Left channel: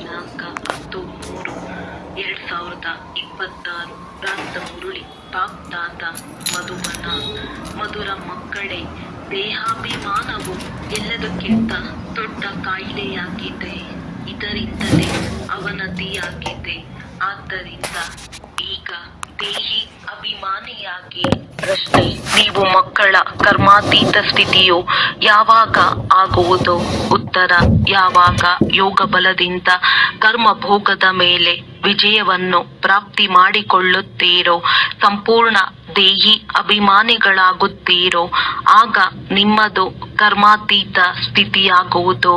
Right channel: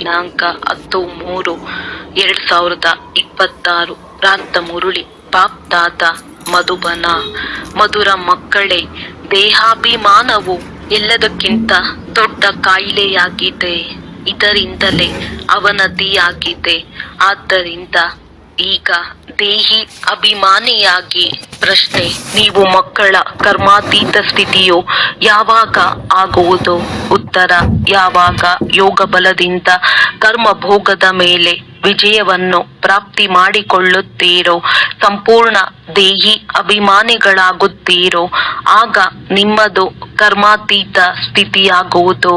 ದಿನಾಂಕ 10/3/2026 ಪ್ರಾಂತ ಮುರಳಿ ಪಾಪ್ ದಾದ ಮಧುಬನ. ಮಧುರ ಮಕ್ಕಳೇ, ದೇಹಾಭಿಮಾನವು ಎಲ್ಲದಕ್ಕಿಂತ ದೊಡ್ಡ ಕಾಯಿಲೆಯಾಗಿದೆ. ಇದರಿಂದಲೇ ಅವನತಿಯಾಗಿದೆ. ಆದ್ದರಿಂದ ಈಗ ದೇಹಿ ಅಭಿಮಾನಿಯಾಗಿ ಪ್ರಶ್ನೆ: ನೀವು ಮಕ್ಕಳ ಕರ್ಮಾತೀತ ಸ್ಥಿತಿಯು ಯಾವಾಗ ಆಗುವುದು? ಉತ್ತರ: ಯಾವಾಗ ಯೋಗ ಬಲದಿಂದ ಕರ್ಮ ಭೋಗದ ಮೇಲೆ ವಿಜಯವನ್ನು ಪ್ರಾಪ್ತಿ ಮಾಡಿಕೊಳ್ಳುತ್ತೀರೋ, ಸಂಪೂರ್ಣ ದೇಹಿ ಅಭಿಮಾನಿಗಳಾಗುತ್ತೀರೋ, ಆಗ ನಿಮ್ಮದು ಕರ್ಮಾತೀತ ಸ್ಥಿತಿಯಾಗುವುದು.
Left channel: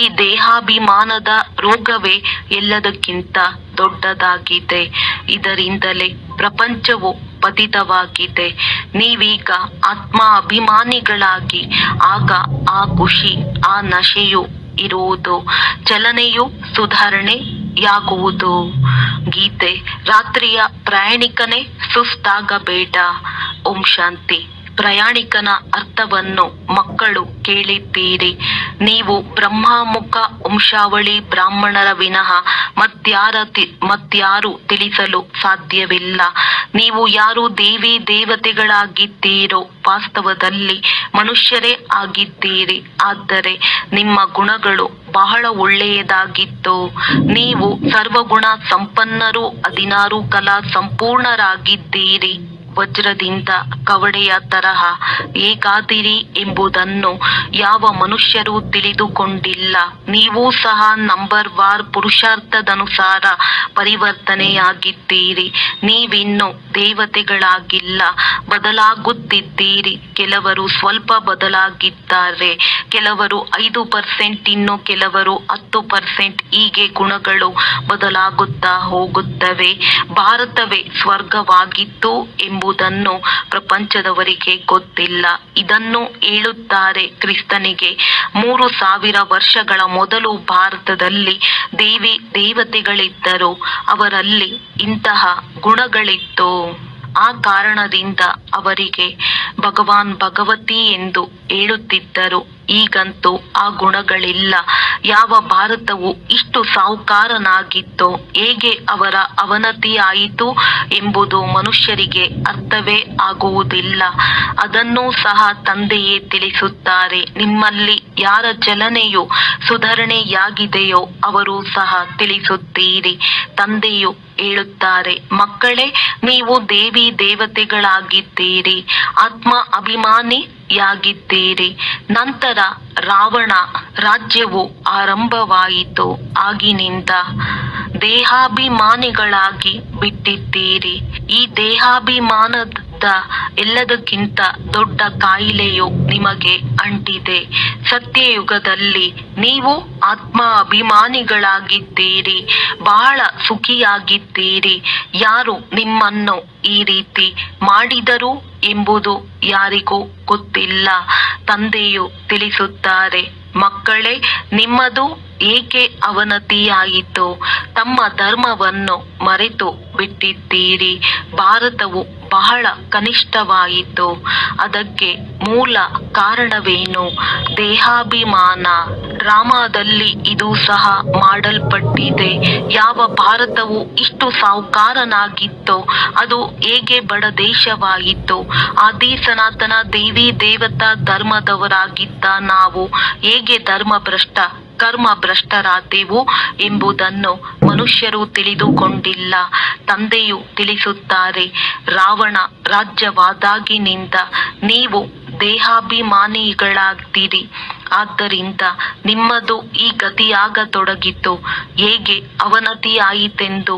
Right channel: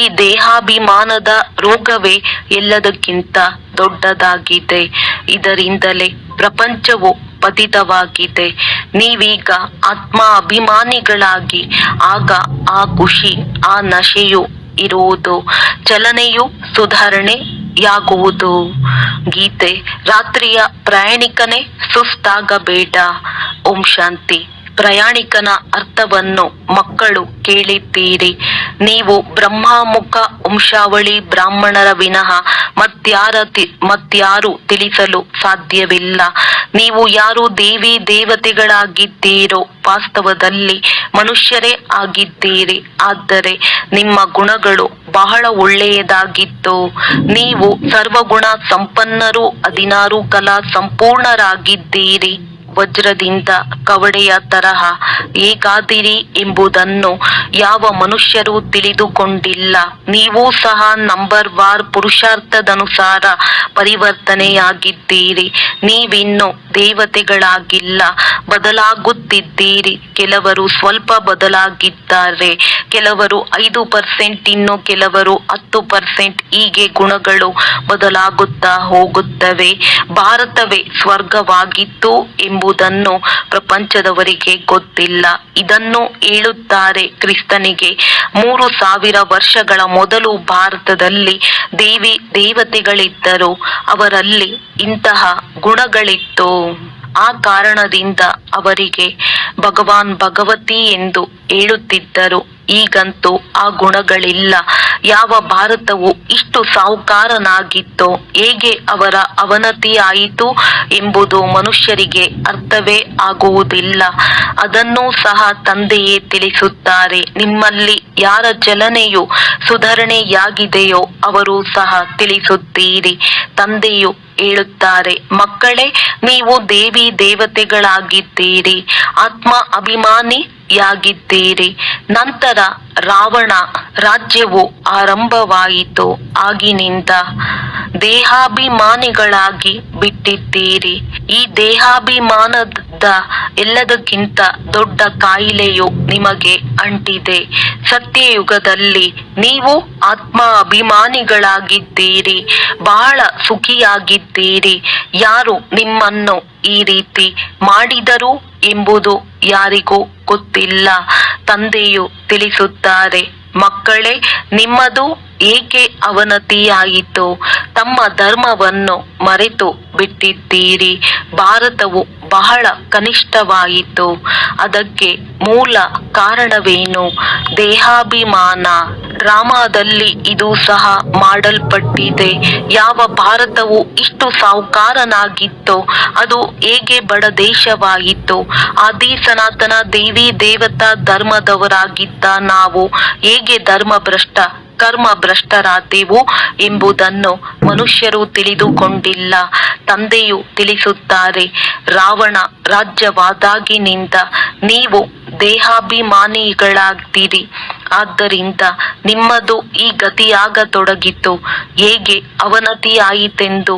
ಈ ದೇಹಾಭಿಮಾನದ ರೋಗವೇ ಎಲ್ಲದಕ್ಕಿಂತ ದೊಡ್ಡದಾಗಿದೆ. ಇದರಿಂದಲೇ ಪ್ರಪಂಚವು ಪತಿತವಾಗಿದೆ. ನೀವೀಗ ಆತ್ಮ ಅಭಿಮಾನಿಗಳಾಗಿ ಆಗ ಆ ಖುಷಿ, ಆ ನಶೆಯು ಇರುವುದು. ಚಲನೆಯು ಸುಧಾರಣೆಯಾಗುವುದು. ಗೀತೆ. ರಾತ್ರಿಯ ಪ್ರಯಾಣಿಕನೇ, ಸುಸ್ತಾಗಬೇಡ. ಓಂ ಶಾಂತಿ. ಪ್ರಯಾಣಿಕನ ಅರ್ಥವನ್ನು ಮಕ್ಕಳು ಕೇಳಿದ್ದೀರಿ. ನೀವು ಬ್ರಹ್ಮಮುಖ ವಂಶಾವಳಿ ಬ್ರಾಹ್ಮಣರ ವಿನಃ ಮತ್ಯಾರು ತಿಳಿಸಲು ಸಾಧ್ಯವಿಲ್ಲ. ನೀವು ಯಾರು ದೇವಿ ದೇವತೆಗಳಾಗಿದ್ದೀರೋ ವಾಸ್ತವದಲ್ಲಿ ಮನುಷ್ಯರೇ ಆಗಿದ್ದೀರಿ. ಆದರೆ ನಿಮ್ಮ ಗುಣಗಳು ಬಹಳ ಒಳ್ಳೆಯದಾಗಿತ್ತು. ನೀವು ಸರ್ವಗುಣ ಸಂಪನ್ನರು, 16 ಕಲಾ ಸಂಪೂರ್ಣರಾಗಿದ್ದೀರಿ. ವಜ್ರದಿಂದ ಕವಡೆಯ ತರಹ ಹೇಗಾದಿರಿ ಎಂಬುದನ್ನು ಯಾವ ಮನುಷ್ಯರೂ ತಿಳಿದುಕೊಂಡಿಲ್ಲ. ನೀವೂ ಸಹ ನಂಬರ್ವಾರ್ ಪುರುಷಾರ್ಥದನುಸಾರ ಪರಿವರ್ತನೆಯಾಗಿದ್ದೀರಿ. ನೀವಿನ್ನು ದೇವತೆಗಳಾಗಿಲ್ಲ, ಬದಲಾಗುತ್ತಿದ್ದೀರಿ. ಕೆಲವರು ಸ್ವಲ್ಪ ಬದಲಾಗಿದ್ದಾರೆ, ಕೆಲವರು 5%, ಇನ್ನು ಕೆಲವರು 10%. ಹೀಗೆ ಗುಣಗಳು ಬದಲಾಗುತ್ತಾ ಹೋಗುತ್ತವೆ. ಭಾರತವೇ ಸ್ವರ್ಗವಾಗಿತ್ತು ಎಂಬುದನ್ನು ಪ್ರಪಂಚದವರಿಗೆ ಗೊತ್ತಿಲ್ಲ. ಇದನ್ನು ಹೇಳುತ್ತಾರೆ ಕ್ರಿಸ್ತನಿಗೆ 3000 ವರ್ಷಗಳ ಮೊದಲು ಭಾರತದಲ್ಲಿ ದೇವಿ ದೇವತೆಗಳಿದ್ದರು. ಅವರಲ್ಲಿ ಇಂತಹ ಗುಣಗಳಿತ್ತು. ಆ ಕಾರಣದಿಂದ ಅವರಿಗೆ ಭಗವಾನ್ ಭಗವತಿ ಎಂದು ಹೇಳುತ್ತಿದ್ದರು. ಈಗಂತೂ ಆ ಗುಣಗಳಿಲ್ಲ. ಯಾವ ಭಾರತವು ಇಷ್ಟು ಸಾಹುಕಾರನಾಗಿತ್ತೋ, ಹೇಗೆ ಅವರ ಅವನತಿ ಆಯಿತು ಎಂಬುದು ಮನುಷ್ಯರಿಗೆ ಅರ್ಥವೇ ಆಗುವುದಿಲ್ಲ. ಅದನ್ನೂ ಸಹ ತಂದೆಯೇ ತಿಳಿಸುತ್ತಾರೆ. ನಿಮ್ಮಲ್ಲಿ ಯಾರ ಚಲನೆಯು ಸುಧಾರಣೆಯಾಗಿದೆಯೋ ಅವರು ಸಹ ತಿಳಿಸುತ್ತೀರಿ. ತಂದೆಯು ಹೇಳುತ್ತಾರೆ, ಮಕ್ಕಳೇ, ನೀವು ದೇವಿ ದೇವತೆಗಳಾಗಿದ್ದೀರಿ, ಆತ್ಮ ಅಭಿಮಾನಿಯಾಗಿದ್ದೀರಿ. ನಂತರ ರಾವಣ ರಾಜ್ಯವು ಆರಂಭವಾಯಿತು. ಆಗಿನಿಂದ ದೇಹಾಭಿಮಾನಿಗಳಾಗಿ ಬಿಟ್ಟಿದ್ದೀರಿ. ಈ ದೇಹಾಭಿಮಾನದ ಎಲ್ಲದಕ್ಕಿಂತ ದೊಡ್ಡ ಕಾಯಿಲೆಯು ನಿಮಗೆ ಅಂಟಿದೆ. ಸತ್ಯಯುಗದಲ್ಲಿ ನೀವು ಆತ್ಮ ಅಭಿಮಾನಿಗಳಾಗಿದ್ದೀರಿ, ಬಹಳ ಸುಖಿಯಾಗಿದ್ದೀರಿ. ಯಾರು ನಿಮ್ಮನ್ನು ಈ ರೀತಿ ಮಾಡಿದರು ಎಂಬುದು ಯಾರಿಗೂ ಗೊತ್ತಿಲ್ಲ. ತಂದೆಯು ತಿಳಿಸುತ್ತಾರೆ, ಮಕ್ಕಳೇ, ನಿಮ್ಮದು ಏಕೆ ಅವನತಿಯಾಯಿತು? ತಮ್ಮ ಧರ್ಮವನ್ನು ಮರೆತು ಬಿಟ್ಟಿದ್ದೀರಿ. ಭಾರತವು ಬಹಳ ಕನಿಷ್ಠವಾಯಿತು. ಅದಕ್ಕೆ ಮೂಲ ಕಾರಣವೇನು? ದೇಹಾಭಿಮಾನ. ಡ್ರಾಮಾದಲ್ಲಿ ಇದು ಸಹ ಮಾಡಲ್ಪಟ್ಟಿದೆ. ಯಾವ ಭಾರತವು ಇಷ್ಟು ಸಾಹುಕಾರನಾಗಿತ್ತೋ ಅದು ಹೇಗೆ ಬಡ ದೇಶವಾಯಿತು? ಆದಿ ಸನಾತನ ದೇವಿ ದೇವತಾ ಧರ್ಮದವರಾಗಿದ್ದ ನಾವು ಹೇಗೆ ಕರ್ಮ ಭ್ರಷ್ಟರಾದೆವು ಎಂಬುದನ್ನು ಮನುಷ್ಯರು ತಿಳಿದುಕೊಂಡಿಲ್ಲ. ತಂದೆಯು ತಿಳಿಸುತ್ತಾರೆ, ರಾವಣ ರಾಜ್ಯವಾದಾಗಿನಿಂದ ನೀವು ದೇಹಾಭಿಮಾನಿಗಳಾಗ್ತೀರಿ. ಆದ್ದರಿಂದ ನಿಮ್ಮದು ಈ ಗತಿಯಾಗತೊಡಗಿತು. ಹೇಗೆ ಅವನತಿಯಾಯಿತೆಂದು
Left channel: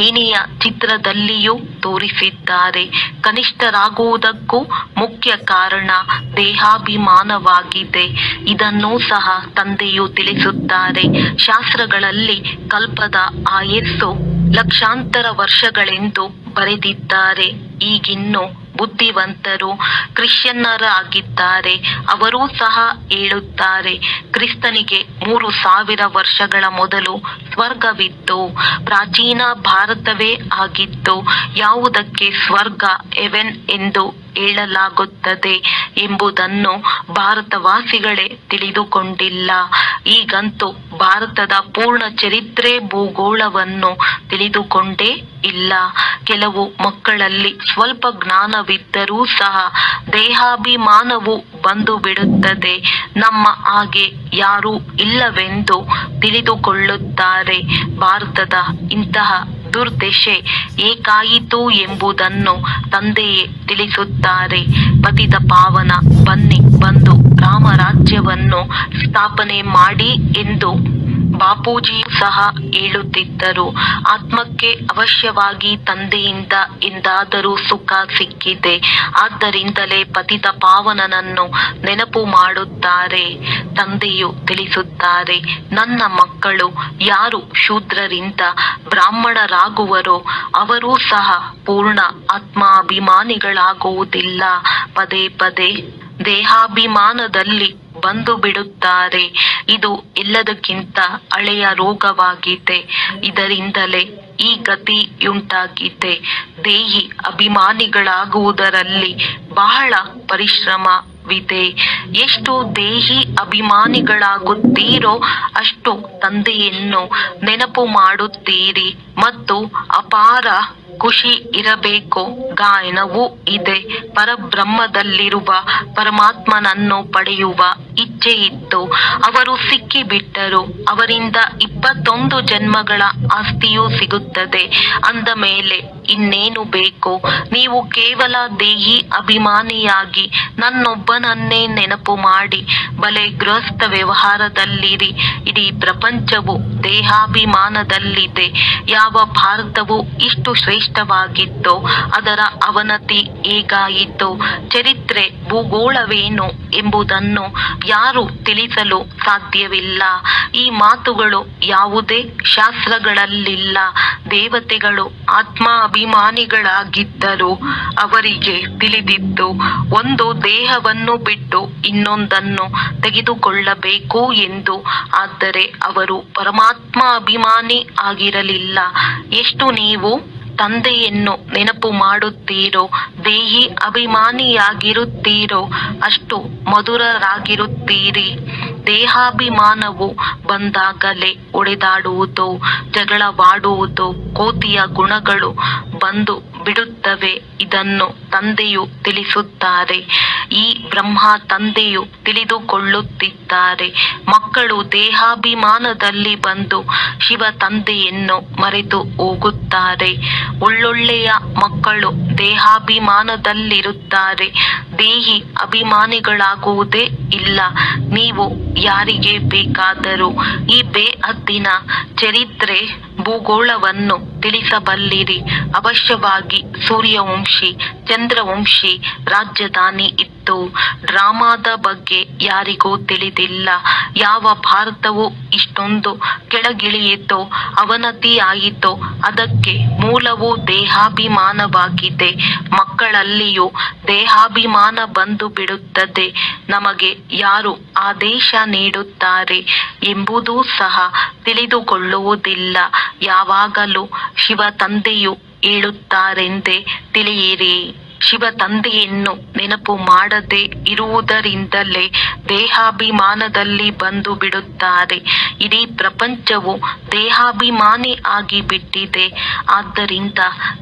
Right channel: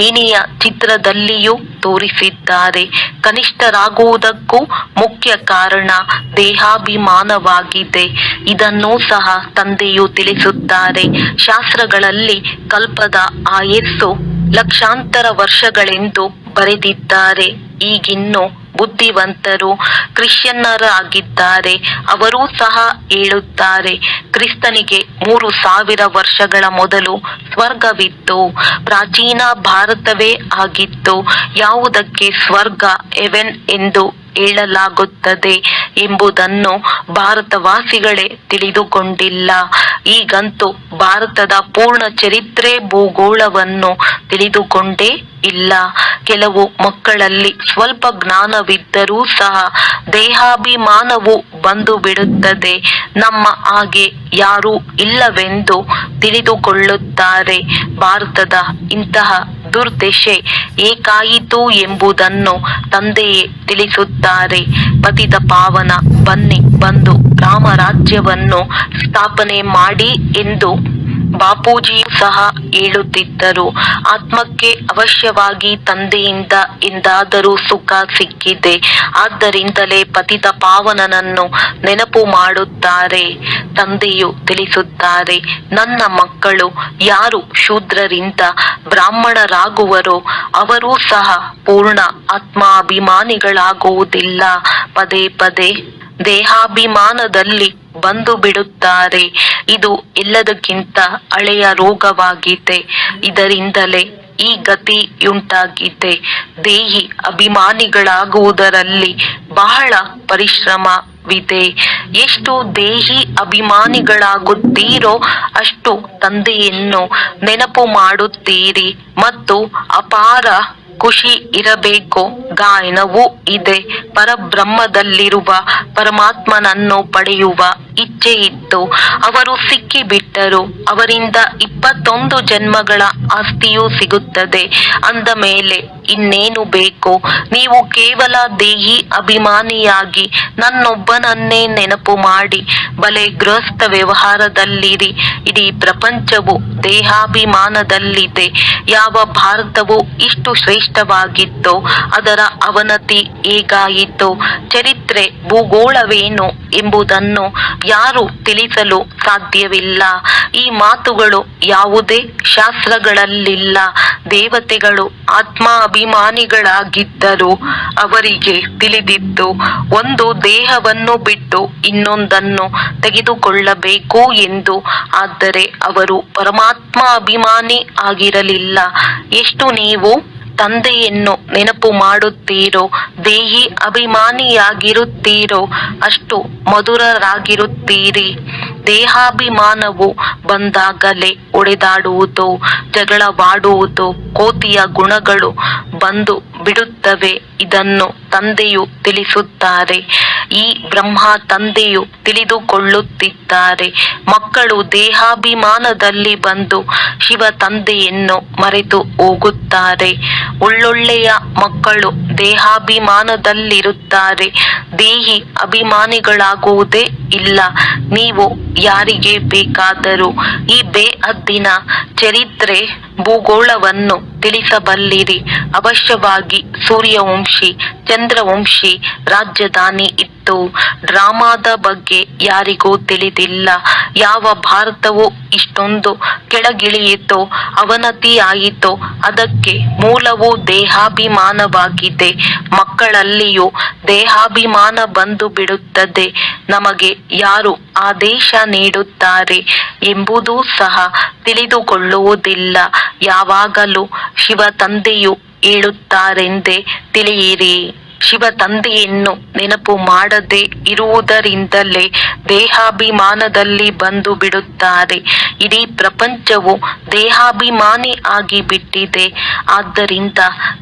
ಏಣಿಯ ಚಿತ್ರದಲ್ಲಿಯೂ ತೋರಿಸಿದ್ದಾರೆ. ಕನಿಷ್ಠರಾಗುವುದಕ್ಕೂ ಮುಖ್ಯ ಕಾರಣ ದೇಹಾಭಿಮಾನವಾಗಿದೆ. ಇದನ್ನೂ ಸಹ ತಂದೆಯು ತಿಳಿಸುತ್ತಾರೆ. ಶಾಸ್ತ್ರಗಳಲ್ಲಿ ಕಲ್ಪದ ಆಯಸ್ಸು ಲಕ್ಷಾಂತರ ವರ್ಷಗಳೆಂದು ಬರೆದಿದ್ದಾರೆ. ಈಗಿನ್ನು ಬುದ್ಧಿವಂತರು ಕ್ರಿಶ್ಚಿಯನ್ನರಾಗಿದ್ದಾರೆ. ಅವರೂ ಸಹ ಹೇಳುತ್ತಾರೆ, ಕ್ರಿಸ್ತನಿಗೆ 3000 ವರ್ಷಗಳ ಮೊದಲು ಸ್ವರ್ಗವಿತ್ತು. ಪ್ರಾಚೀನ ಭಾರತವೇ ಆಗಿತ್ತು. ಯಾವುದಕ್ಕೆ ಸ್ವರ್ಗ, ಹೆವೆನ್ ಎಂದು ಹೇಳಲಾಗುತ್ತದೆ ಎಂಬುದನ್ನು ಭಾರತವಾಸಿಗಳೇ ತಿಳಿದುಕೊಂಡಿಲ್ಲ. ಈಗಂತೂ ಭಾರತದ ಪೂರ್ಣ ಚರಿತ್ರೆ ಭೂಗೋಳವನ್ನು ತಿಳಿದುಕೊಂಡೇ ಇಲ್ಲ. ಕೆಲವು ಮಕ್ಕಳಲ್ಲಿ ಸ್ವಲ್ಪ ಜ್ಞಾನವಿದ್ದರೂ ಸಹ ದೇಹಾಭಿಮಾನವು ಬಂದು ಬಿಡುತ್ತದೆ. ನಮ್ಮ ಹಾಗೆ ಯಾರೂ ಇಲ್ಲವೆಂದು ತಿಳಿದುಕೊಳ್ಳುತ್ತಾರೆ. ಭಾರತದ ಇಂತಹ ದುರ್ದಶೆ ಏಕಾಯಿತು ಎಂಬುದನ್ನು ತಂದೆಯೇ ತಿಳಿಸುತ್ತಾರೆ. ಪತಿತ ಪಾವನ ಬನ್ನಿ ಬಂದು ರಾಮರಾಜ್ಯವನ್ನು ಸ್ಥಾಪನೆ ಮಾಡಿ ಎಂದು ಬಾಪೂಜಿಯೂ ಸಹ ಹೇಳುತ್ತಿದ್ದರು. ಆತ್ಮಕ್ಕೆ ಅವಶ್ಯವಾಗಿ ತಂದೆಯಿಂದ ಎಂದಾದರೂ ಸುಖ ಸಿಕ್ಕಿದೆ. ಆದ್ದರಿಂದಲೇ ಪತಿತ ಪಾವನನನ್ನು ನೆನಪು ಮಾಡುತ್ತಾರೆ. ತಂದೆಯು ತಿಳಿಸುತ್ತಾರೆ, ನನ್ನ ಮಕ್ಕಳು ಯಾರು ಶೂದ್ರರಿಂದ ಬ್ರಾಹ್ಮಣರಾಗುವರೋ ಅವರೂ ಸಹ ಪೂರ್ಣ ಆತ್ಮಾಭಿಮಾನಿಗಳಾಗುವುದಿಲ್ಲ. ಪದೇ ಪದೇ ದೇಹಾಭಿಮಾನದಲ್ಲಿ ಬಂದು ಬಿಡುತ್ತಾರೆ. ಇದು ಎಲ್ಲದಕ್ಕಿಂತ ಹಳೆಯ ರೋಗವಾಗಿದೆ. ಇದರಿಂದಲೇ ಈ ಗತಿಯುಂಟಾಗಿದೆ. ದೇಹಿ ಅಭಿಮಾನಿಗಳಾಗುವುದರಲ್ಲಿ ಬಹಳ ಪರಿಶ್ರಮವಿದೆ. ಎಷ್ಟು ದೇಹಿ ಅಭಿಮಾನಿಗಳಾಗುತ್ತೀರೋ ಅಷ್ಟು ತಂದೆಯನ್ನು ನೆನಪು ಮಾಡುತ್ತೀರಿ ಮತ್ತು ಅಪಾರ ಖುಷಿ ಇರಬೇಕು. ಗಾಯನವೂ ಇದೆ. ಪರಬ್ರಹ್ಮದಲ್ಲಿರುವ ಪರಮಾತ್ಮನನ್ನು ಪಡೆಯುವ ಇಚ್ಛೆ ಇತ್ತು. ಅವರು ಸಿಕ್ಕಿಬಿಟ್ಟರು. ಅವರಿಂದ 21 ಜನ್ಮಗಳ ಆಸ್ತಿಯೂ ಸಿಗುತ್ತದೆ. ಅಂದ ಮೇಲೆ ಇನ್ನೇನು ಬೇಕು? ನೀವು ಕೇವಲ ದೇಹಿ ಅಭಿಮಾನಿಯಾಗಿ ನನ್ನೊಬ್ಬನನ್ನೇ ನೆನಪು ಮಾಡಿ ಬಲೆ ಗೃಹಸ್ಥ ವ್ಯವಹಾರದಲ್ಲಿರಿ. ಇಡೀ ಪ್ರಪಂಚವು ದೇಹಾಭಿಮಾನದಲ್ಲಿದೆ. ಯಾವ ಭಾರತವು ಇಷ್ಟು ಶ್ರೇಷ್ಠವಾಗಿತ್ತೋ ಅದರ ಅವನತಿ ಹೇಗಾಯಿತೋ, ಚರಿತ್ರೆ ಭೂಗೋಳವೇನು ಎಂಬುದನ್ನು ಯಾರು ತಿಳಿಸಲು ಸಾಧ್ಯವಿಲ್ಲ. ಈ ಮಾತುಗಳು ಯಾವುದೇ ಶಾಸ್ತ್ರಗಳಲ್ಲಿಲ್ಲ. ದೇವತೆಗಳು ಆತ್ಮಾಭಿಮಾನಿಗಳಾಗಿದ್ದರು. ಅವರಿಗೆ ತಿಳಿದಿತ್ತು ಒಂದು ದೇಹವನ್ನು ಬಿಟ್ಟು ಇನ್ನೊಂದನ್ನು ತೆಗೆದುಕೊಳ್ಳಬೇಕು ಎಂದು. ಆದರೆ ಅವರು ಪರಮಾತ್ಮ ಅಭಿಮಾನಿ ಆಗಿರಲಿಲ್ಲ. ಎಷ್ಟು ನೀವು ತಂದೆಯನ್ನು ನೆನಪು ಮಾಡುತ್ತೀರೋ, ದೇಹಿ ಅಭಿಮಾನಿಯಾಗಿರುತ್ತೀರೋ ಅಷ್ಟು ಮಧುರರಾಗಿರುತ್ತೀರಿ. ದೇಹಾಭಿಮಾನವು ಬಂದಾಗಲೇ ಒಡೆದಾಡುವುದು, ಜಗಳವಾಡುವುದು, ಕೋತಿಯ ಗುಣಗಳು ಬಂದು ಬಿಡುತ್ತವೆ. ಇದನ್ನು ತಂದೆಯು ತಿಳಿಸುತ್ತಾರೆ. ಈ ಬ್ರಹ್ಮ ತಂದೆಯು ತಿಳಿದುಕೊಳ್ಳುತ್ತಿದ್ದಾರೆ. ಮಕ್ಕಳು ದೇಹಾಭಿಮಾನದಲ್ಲಿ ಬಂದು ಶಿವ ತಂದೆಯನ್ನು ಮರೆತು ಹೋಗುತ್ತಾರೆ. ಒಳ್ಳೊಳ್ಳೆಯ ಮಕ್ಕಳು ದೇಹಾಭಿಮಾನದಲ್ಲಿರುತ್ತಾರೆ. ದೇಹಿ ಅಭಿಮಾನಿಗಳಾಗುವುದೇ ಇಲ್ಲ. ನೀವು ಯಾರಿಗೆ ಬೇಕಾದರೂ ಈ ಬೇಹದ್ದಿನ ಚರಿತ್ರೆ ಭೂಗೋಳವನ್ನು ತಿಳಿಸಬಲ್ಲಿರಿ. ಅವಶ್ಯವಾಗಿ ಸೂರ್ಯವಂಶಿ, ಚಂದ್ರವಂಶಿ ರಾಜಧಾನಿ ಇತ್ತು. ಡ್ರಾಮಾದ ಬಗ್ಗೆ ಯಾರಿಗೂ ತಿಳಿದಿಲ್ಲ. ಯಾವ ಭಾರತವು ಇಷ್ಟೊಂದು ಕೆಳಗಿಳಿಯಿತೋ, ಅವನತಿಯಾಯಿತೋ ಅದಕ್ಕೆ ಮೂಲವು ದೇಹಾಭಿಮಾನವಾಗಿದೆ. ಮಕ್ಕಳಲ್ಲಿಯೂ ದೇಹಾಭಿಮಾನ ಬಂದು ಬಿಡುತ್ತದೆ. ನಮಗೆ ಯಾರು ಆದೇಶ ನೀಡುತ್ತಾರೆ ಎಂಬುದೂ ಸಹ ತಿಳಿದುಕೊಳ್ಳುವುದಿಲ್ಲ. ಯಾವಾಗಲೂ ಶಿವ ತಂದೆಯು ಹೇಳುತ್ತಾರೆಂದೇ ತಿಳಿಯಿರಿ. ಶಿವ ತಂದೆಯನ್ನು ನೆನಪು ಮಾಡದೆ ಇರುವುದರಿಂದಲೇ ದೇಹಾಭಿಮಾನದಲ್ಲಿ ಬಂದು ಬಿಡುತ್ತಾರೆ. ಇಡೀ ಪ್ರಪಂಚವು ದೇಹಾಭಿಮಾನಿ ಆಗಿಬಿಟ್ಟಿದೆ. ಆದ್ದರಿಂದ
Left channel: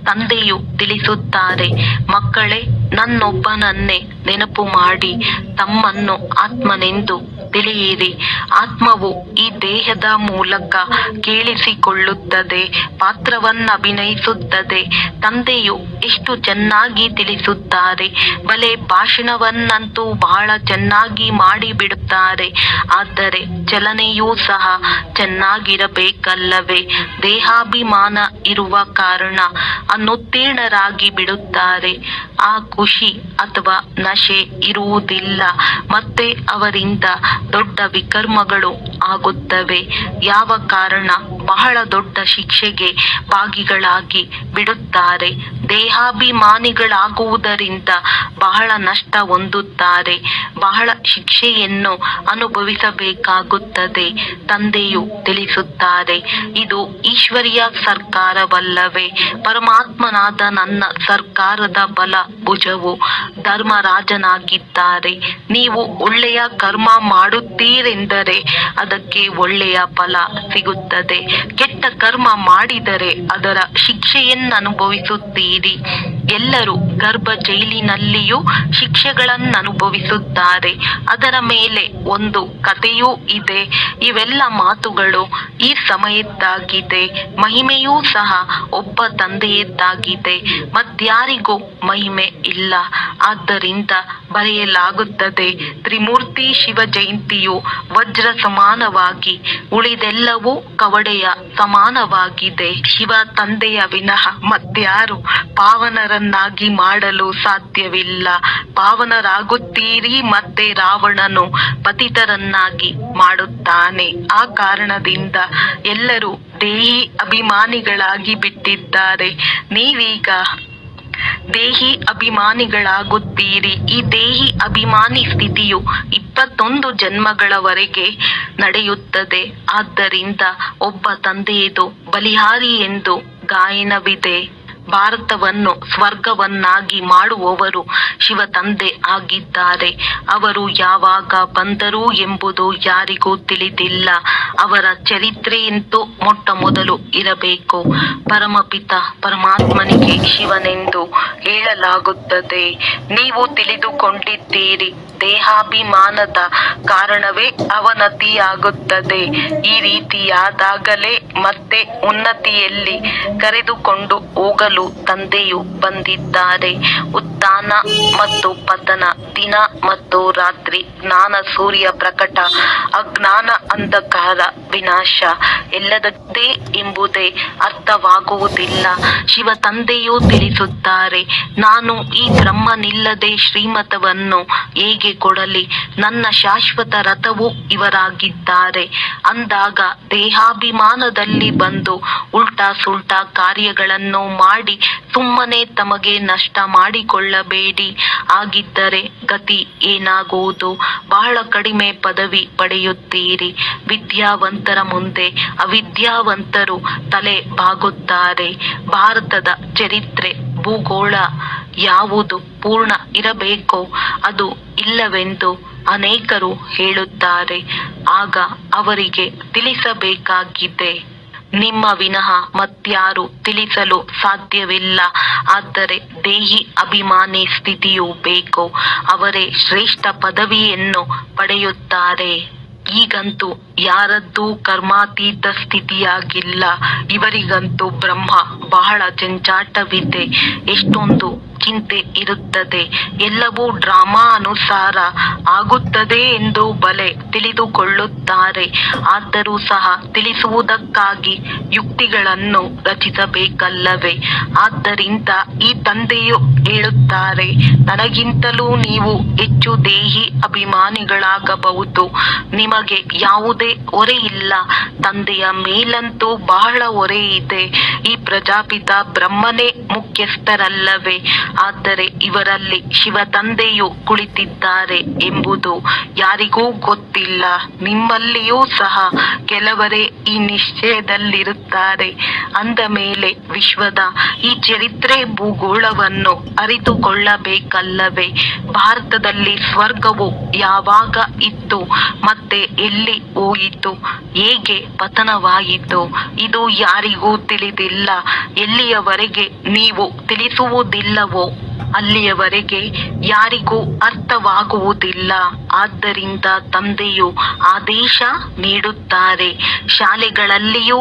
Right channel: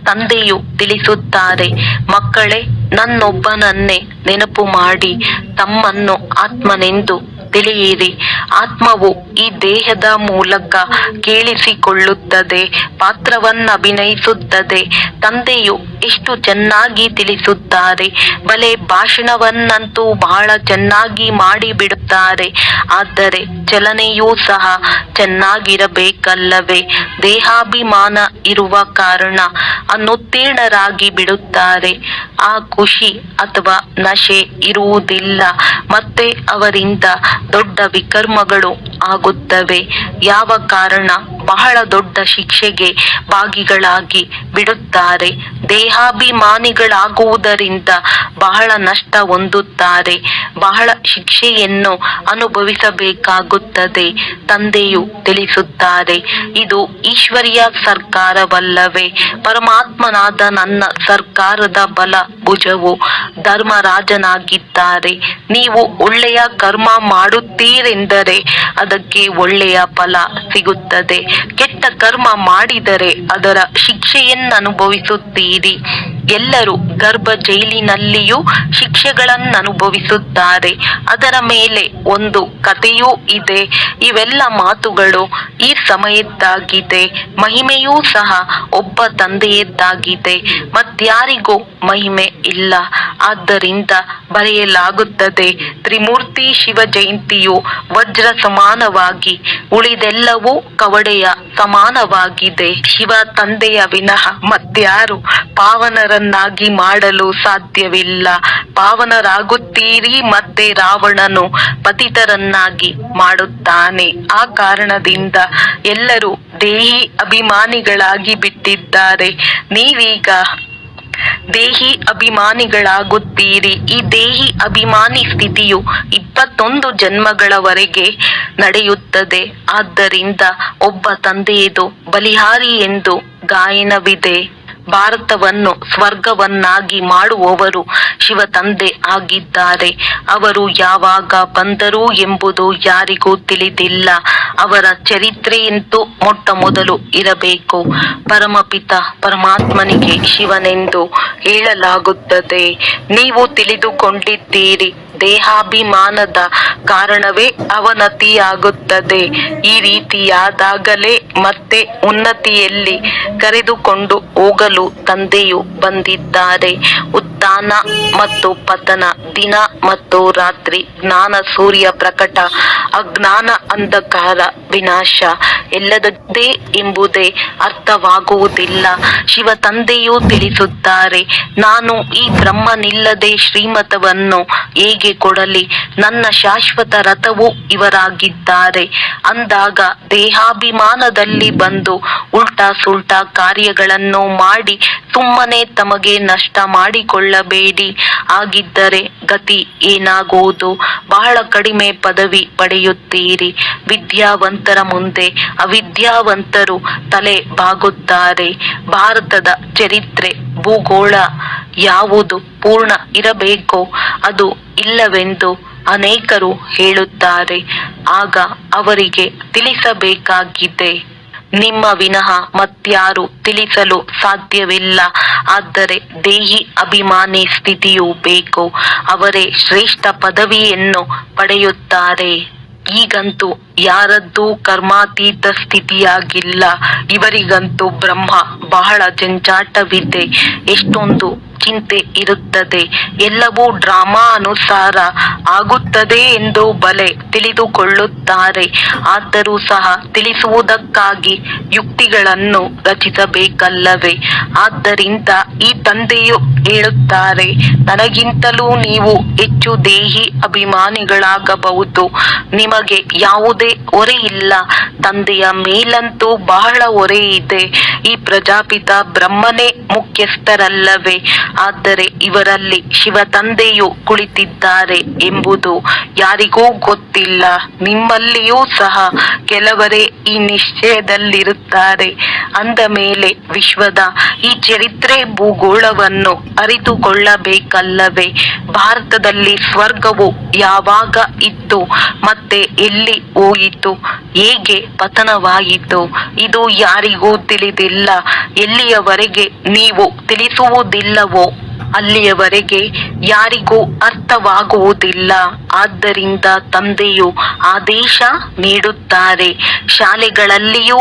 ತಂದೆಯು ತಿಳಿಸುತ್ತಾರೆ, ಮಕ್ಕಳೇ, ನನ್ನೊಬ್ಬನನ್ನೇ ನೆನಪು ಮಾಡಿ ತಮ್ಮನ್ನು ಆತ್ಮನೆಂದು ತಿಳಿಯಿರಿ. ಆತ್ಮವು ಈ ದೇಹದ ಮೂಲಕ ಕೇಳಿಸಿಕೊಳ್ಳುತ್ತದೆ, ಪಾತ್ರವನ್ನಭಿನಯಿಸುತ್ತದೆ. ತಂದೆಯು ಎಷ್ಟು ಚೆನ್ನಾಗಿ ತಿಳಿಸುತ್ತಾರೆ. ಬಲೆ ಭಾಷಣವನ್ನಂತೂ ಬಹಳ ಚೆನ್ನಾಗಿ ಮಾಡಿಬಿಡುತ್ತಾರೆ. ಆದರೆ ಚಲನೆಯೂ ಸಹ ಚೆನ್ನಾಗಿರಬೇಕಲ್ಲವೇ? ದೇಹಾಭಿಮಾನ ಇರುವ ಕಾರಣ ಅನುತ್ತೀರ್ಣರಾಗಿ ಬಿಡುತ್ತಾರೆ. ಆ ಖುಷಿ ಅಥವಾ ನಶೆ ಇರುವುದಿಲ್ಲ. ಮತ್ತೆ ಅವರಿಂದ ದೊಡ್ಡ ವಿಕರ್ಮಗಳು ಆಗುತ್ತವೆ. ಯಾವ ಕಾರಣ? ಬಹಳ ದೊಡ್ಡ ಶಿಕ್ಷೆಗೆ ಭಾಗಿಗಳಾಗಿ ಬಿಡುತ್ತಾರೆ. ದೇಹಾಭಿಮಾನಿಗಳಾಗುವುದರಿಂದ ಬಹಳ ನಷ್ಟ ಹೊಂದುತ್ತಾರೆ, ಬಹಳ ಶಿಕ್ಷೆಯನ್ನು ಅನುಭವಿಸಬೇಕಾಗುತ್ತದೆ. ತಂದೆಯು ತಿಳಿಸುತ್ತಾರೆ, ಇದು ಈಶ್ವರಿಯ ಸರ್ಕಾರವಲ್ಲವೇ? ಪರಮಾತ್ಮನಾದ ನನ್ನ ಸರ್ಕಾರದ ಬಲ ಭುಜವು ಧರ್ಮರಾಜನಾಗಿದ್ದಾರೆ. ನೀವು ಒಳ್ಳೆಯ ಕರ್ಮ ಮಾಡುತ್ತೀರೆಂದರೆ ಅದಕ್ಕೆ ಒಳ್ಳೆಯ ಫಲ ಸಿಗುತ್ತದೆ. ಕೆಟ್ಟ ಕರ್ಮ ಮಾಡಿದರೆ ಅದರ ಶಿಕ್ಷೆಯನ್ನು ಅನುಭವಿಸುತ್ತೀರಿ. ಎಲ್ಲರೂ ಗರ್ಭ ಜೈಲಿನಲ್ಲಿಯೂ ಶಿಕ್ಷೆಗಳನ್ನು ಅನುಭವಿಸುತ್ತಾರೆ. ಅದರ ಮೇಲೆ ಒಂದು ಕಥೆಯೂ ಇದೆ. ಇವೆಲ್ಲ ಮಾತುಗಳು ಈ ಸಮಯದ್ದಾಗಿದೆ. ಮಹಿಮೆಯೂ ಸಹ ಒಬ್ಬ ತಂದೆಯದ್ದಾಗಿದೆ, ಮತ್ಯಾರಿಗೂ ಮಹಿಮೆ ಇಲ್ಲ. ಆದ್ದರಿಂದ ಬರೆಯಲಾಗುತ್ತದೆ, ತ್ರಿಮೂರ್ತಿ ಶಿವ ಜಯಂತಿಯು ವಜ್ರ ಸಮಾನವಾಗಿ, ಉಳಿದೆಲ್ಲವೂ ಕವಡೆಯ ಸಮಾನವಾಗಿದೆ. ಶಿವ ತಂದೆಯ ವಿನಃ ಮತ್ಯಾರು ಪಾವನರನ್ನಾಗಿ ಮಾಡಲು ಸಾಧ್ಯವಿಲ್ಲ. ಪಾವನರಾಗುತ್ತೀರಿ, ಮತ್ತೆ ರಾವಣನು ಪತಿತರನ್ನಾಗಿ ಮಾಡುತ್ತಾನೆ. ಆ ಕಾರಣದಿಂದ ಎಲ್ಲರೂ ದೇಹಿ ಅಭಿಮಾನಿಗಳಾಗಿ ಬಿಟ್ಟಿದ್ದಾರೆ. ನೀವೀಗ ದೇಹಿ ಅಭಿಮಾನಿಗಳಾಗುತ್ತೀರಿ. ಈ ದೇಹಿ ಅಭಿಮಾನಿ ಸ್ಥಿತಿಯು 21 ಜನ್ಮಗಳವರೆಗೆ ನಡೆಯುತ್ತದೆ. ಆದ್ದರಿಂದ ಒಬ್ಬ ತಂದೆಯದು ಬಲಿಹಾರಿ ಎಂದು ಗಾಯನವಿದೆ. ಭಾರತವನ್ನು ಸ್ವರ್ಗವನ್ನಾಗಿ ಮಾಡುವವರು ಶಿವ ತಂದೆ ಆಗಿದ್ದಾರೆ. ಅವರು ಯಾವಾಗ ಬಂದರು ಎಂಬುದು ಯಾರಿಗೂ ತಿಳಿದಿಲ್ಲ. ಅವರ ಚರಿತ್ರೆಯಂತೂ ಮೊಟ್ಟ ಮೊದಲು ಇರಬೇಕು. ಪರಮಪಿತ ಪರಮಾತ್ಮನಿಗೆ ಶಿವನೆಂದು ಹೇಳಲಾಗುತ್ತದೆ. ನೀವು ತಿಳಿದುಕೊಂಡಿದ್ದೀರಿ, ದೇಹಾಭಿಮಾನದ ಕಾರಣವೇ ಅವನತಿಯಾಗುತ್ತದೆ. ಈ ರೀತಿಯಾದಾಗಲೇ ಮತ್ತೆ ಉನ್ನತಿಯಲ್ಲಿ ಕರೆದುಕೊಂಡು ಹೋಗಲು ತಂದೆಯು ಬಂದಿದ್ದಾರೆ. ಉತ್ಥಾನ ಮತ್ತು ಪತನ, ದಿನ ಮತ್ತು ರಾತ್ರಿ, ಜ್ಞಾನ ಸೂರ್ಯ ಪ್ರಕಟ, ಅಜ್ಞಾನ ಅಂಧಕಾರ ವಿನಾಶ, ಎಲ್ಲದದ್ದೇ ಎಂಬುದೇ ಅರ್ಥವಾಗುವುದಿಲ್ಲ. ಶಿವ ತಂದೆಯು ತಿಳಿಸುತ್ತಾರೆ, ನಾನು ಈ ಬ್ರಹ್ಮನಿಲ್ಲದೆ ಶ್ರೀಮತವನ್ನು ಹೇಗೆ ಕೊಡಲಿ? ನನ್ನ ಶಾಶ್ವತ ರಥವು ಇವರಾಗಿದ್ದಾರೆ. ಅಂದಾಗ ದೇಹಾಭಿಮಾನದಲ್ಲಿ ಬಂದು ಉಲ್ಟಾ ಸುಲ್ಟಾ ಕಾರ್ಯಗಳನ್ನು ಮಾಡಿ ಸುಮ್ಮನೆ ತಮಗೆ ನಷ್ಟ ಮಾಡಿಕೊಳ್ಳಬೇಡಿ. ಆಗಿದ್ದರೆ ಗತಿ ಏನಾಗುವುದು? ಬಹಳ ಕಡಿಮೆ ಪದವಿ ಪಡೆಯುತ್ತೀರಿ. ವಿದ್ಯಾವಂತರ ಮುಂದೆ ಅವಿದ್ಯಾವಂತರು ತಲೆ ಬಾಗುತ್ತಾರೆ. ಭಾರತದ ಚರಿತ್ರೆ ಭೂಗೋಳ ಯಾವುದು ಪೂರ್ಣ ಇರಬೇಕೋ ಅದು ಇಲ್ಲವೆಂದು ಅನೇಕರು ಹೇಳುತ್ತಾರೆ. ಆಗ ಅವರಿಗೆ ತಿಳಿಸಬೇಕಾಗಿದೆ, ನಿಮ್ಮ ವಿನಃ ಮತ್ಯಾರು ತಿಳಿಸಲು ಸಾಧ್ಯವಿಲ್ಲ. ಆದರೆ ದೇಹಿ ಅಭಿಮಾನಿ ಸ್ಥಿತಿಯೂ ಬೇಕು. ಅವರೇ ಶ್ರೇಷ್ಠ ಪದವಿಯನ್ನು ಪಡೆಯುತ್ತಾರೆ. ಈಗಂತೂ ಯಾರದ್ದೂ ಕರ್ಮಾತೀತ ಸ್ಥಿತಿಯಾಗಿಲ್ಲ. ಇವರಿಗಂತೂ ಬ್ರಹ್ಮ ಬಹಳ ಜಂಜಾಟವಿದೆ. ಎಷ್ಟೊಂದು ಚಿಂತೆ ಇರುತ್ತದೆ. ಎಲ್ಲವೂ ಡ್ರಾಮಾ ಅನುಸಾರ ಆಗುತ್ತದೆ ಎಂದು ಬಲೆ ತಿಳಿದುಕೊಳ್ಳುತ್ತಾರೆ. ಆದರೂ ಸಹ ತಿಳಿಸುವುದಕ್ಕಾಗಿ ಯುಕ್ತಿಗಳನ್ನು ರಚಿಸಬೇಕಲ್ಲವೇ? ಆದ್ದರಿಂದ ಈ ತಂದೆಯು ಹೇಳುತ್ತಾರೆ, ನನಗಿಂತಲೂ ನೀವು ಹೆಚ್ಚು ದೇಹಿ ಅಭಿಮಾನಿಗಳಾಗಬಹುದು. ನಿಮಗೆ ಯಾವುದೇ ಹೊರೆ ಇಲ್ಲ. ತಂದೆಯ ಮೇಲಂತೂ ಬಹಳ ಹೊರೆ ಇದೆ. ಈ ಪ್ರಜಾಪಿತ ಬ್ರಹ್ಮನೇ ಮುಖ್ಯಸ್ಥರಲ್ಲವೇ? ಆದರೆ ಇವರಲ್ಲಿ ಶಿವ ತಂದೆಯು ಕುಳಿತಿದ್ದಾರೆ ಎಂಬುದು ಯಾರಿಗೂ ಗೊತ್ತಿಲ್ಲ. ನಿಮ್ಮಲ್ಲಿಯೂ ಸಹ ಕೆಲವರೇ ಈ ನಿಶ್ಚಯದಲ್ಲಿರುತ್ತಾರೆ. ಅಂದ ಮೇಲೆ ವಿಶ್ವದ ಈ ಚರಿತ್ರೆ ಭೂಗೋಳವನ್ನು ಅರಿತುಕೊಳ್ಳಬೇಕಲ್ಲವೇ? ಭಾರತದಲ್ಲಿ ಸ್ವರ್ಗವು ಯಾವಾಗ ಇತ್ತು ಮತ್ತೆ ಎಲ್ಲಿ ಹೋಯಿತು? ಹೇಗೆ ಪತನವಾಯಿತು? ಇದು ಯಾರಿಗೂ ತಿಳಿದಿಲ್ಲ. ಎಲ್ಲಿಯವರೆಗೆ ನೀವು ತಿಳಿಸುವುದಿಲ್ಲವೋ ಅಲ್ಲಿಯವರೆಗೆ ಯಾರಿಗೂ ಅರ್ಥವಾಗುವುದಿಲ್ಲ. ಆದ್ದರಿಂದ ತಂದೆಯು ಆದೇಶ ನೀಡುತ್ತಾರೆ, ಶಾಲೆಗಳಲ್ಲಿಯೂ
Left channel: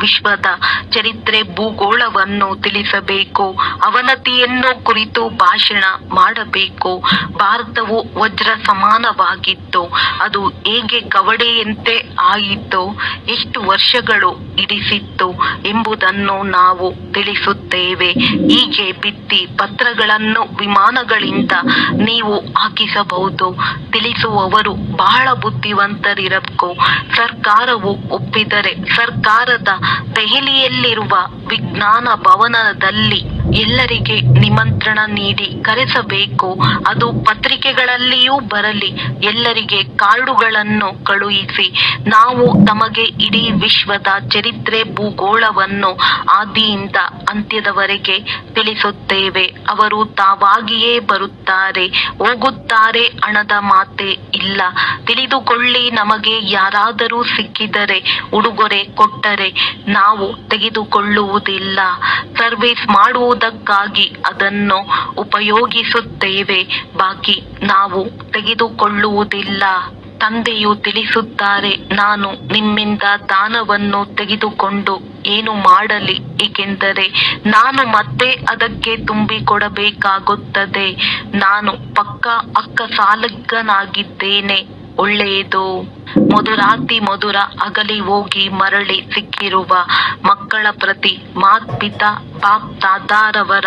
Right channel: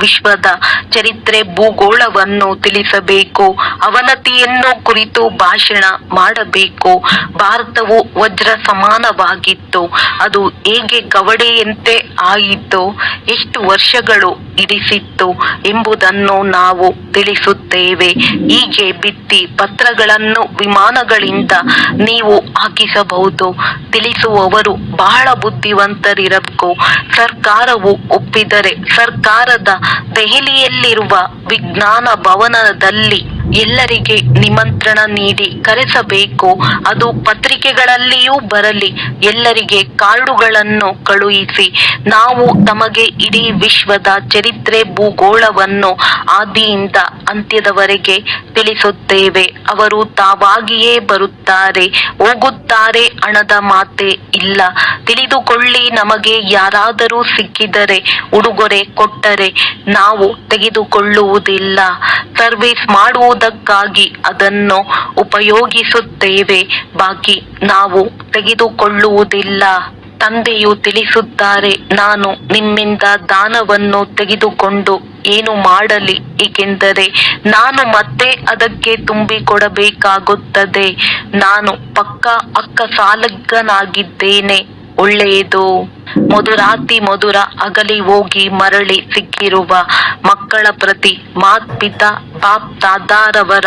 ವಿಶ್ವದ ಚರಿತ್ರೆ ಭೂಗೋಳವನ್ನು ತಿಳಿಸಬೇಕು. ಅವನತಿಯನ್ನು ಕುರಿತು ಭಾಷಣ ಮಾಡಬೇಕು. ಭಾರತವು ವಜ್ರ ಸಮಾನವಾಗಿತ್ತು. ಅದು ಹೇಗೆ ಕವಡೆಯಂತೆ ಆಯಿತು? ಎಷ್ಟು ವರ್ಷಗಳು ಹಿಡಿಸಿತ್ತು ಎಂಬುದನ್ನು ನಾವು ತಿಳಿಸುತ್ತೇವೆ. ಹೀಗೆ ಭಿತ್ತಿ ಪತ್ರಗಳನ್ನು ವಿಮಾನಗಳಿಂದ ನೀವು ಹಾಕಿಸಬಹುದು. ತಿಳಿಸುವವರು ಬಹಳ ಬುದ್ಧಿವಂತರಿರಬೇಕು. ಸರ್ಕಾರವು ಒಪ್ಪಿದರೆ ಸರ್ಕಾರದ ದೆಹಲಿಯಲ್ಲಿರುವ ವಿಜ್ಞಾನ ಭವನದಲ್ಲಿ ಎಲ್ಲರಿಗೆ ನಿಮಂತ್ರಣ ನೀಡಿ ಕರೆಸಬೇಕು. ಅದು ಪತ್ರಿಕೆಗಳಲ್ಲಿಯೂ ಬರಲಿ. ಎಲ್ಲರಿಗೆ ಕಾರ್ಡುಗಳನ್ನು ಕಳುಹಿಸಿ, ನಾವು ತಮಗೆ ಇಡೀ ವಿಶ್ವದ ಚರಿತ್ರೆ ಭೂಗೋಳವನ್ನು ಆದಿಯಿಂದ ಅಂತ್ಯದವರೆಗೆ ತಿಳಿಸುತ್ತೇವೆ. ಅವರು ತಾವಾಗಿಯೇ ಬರುತ್ತಾರೆ, ಹೋಗುತ್ತಾರೆ, ಹಣದ ಮಾತೇ ಇಲ್ಲ. ತಿಳಿದುಕೊಳ್ಳಿ, ನಮಗೆ ಯಾರಾದರೂ ಸಿಕ್ಕಿದರೆ ಉಡುಗೊರೆ ಕೊಟ್ಟರೆ ನಾವು ತೆಗೆದುಕೊಳ್ಳುವುದಿಲ್ಲ. ಸರ್ವಿಸ್ ಮಾಡುವುದಕ್ಕಾಗಿ ಅದನ್ನು ಉಪಯೋಗಿಸುತ್ತೇವೆ, ಬಾಕಿ ನಾವು ತೆಗೆದುಕೊಳ್ಳುವುದಿಲ್ಲ. ತಂದೆಯು ತಿಳಿಸುತ್ತಾರೆ, ನಾನು ನಿಮ್ಮಿಂದ ದಾನವನ್ನು ತೆಗೆದುಕೊಂಡು ಏನು ಮಾಡಲಿ, ಏಕೆಂದರೆ ನಾನು ಮತ್ತೆ ಅದಕ್ಕೆ ತುಂಬಿಕೊಡಬೇಕಾಗುತ್ತದೆ. ನಾನು ಪಕ್ಕಾ ಅಕ್ಕಸಾಲಿಗನಾಗಿದ್ದೇನೆ. ಒಳ್ಳೆಯದು. ಮಧುರಾತಿ ಮಧುರ ಅಗಲಿ ಹೋಗಿ ಮರಳಿ ಸಿಕ್ಕಿರುವ ಮಕ್ಕಳ ಪ್ರತಿ ಮಾತ್ಪಿತಾ ಬಾಪ್ ದಾದಾರವರ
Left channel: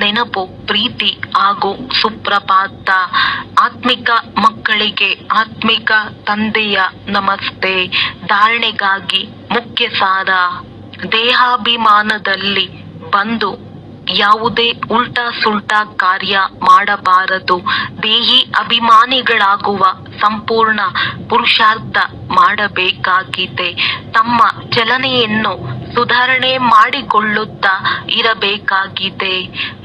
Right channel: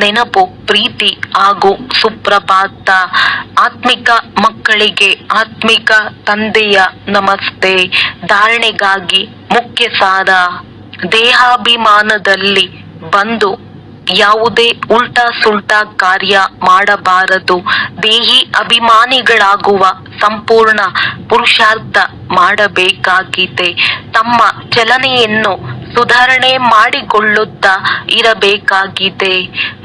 ನೆನಪು, ಪ್ರೀತಿ ಹಾಗೂ ಸುಪ್ರಭಾತ. ಆತ್ಮಿಕ ಮಕ್ಕಳಿಗೆ ಆತ್ಮಿಕ ತಂದೆಯ ನಮಸ್ತೆ. ಧಾರಣೆಗಾಗಿ ಮುಖ್ಯ ಸಾರ: ದೇಹಾಭಿಮಾನದಲ್ಲಿ ಬಂದು ಯಾವುದೇ ಉಲ್ಟಾ ಸುಲ್ಟಾ ಕಾರ್ಯ ಮಾಡಬಾರದು. ದೇಹಿ ಅಭಿಮಾನಿಗಳಾಗುವ ಸಂಪೂರ್ಣ ಪುರುಷಾರ್ಥ ಮಾಡಬೇಕಾಗಿದೆ. ತಮ್ಮ ಚಲನೆಯನ್ನು ಸುಧಾರಣೆ ಮಾಡಿಕೊಳ್ಳುತ್ತಾ ಇರಬೇಕಾಗಿದೆ.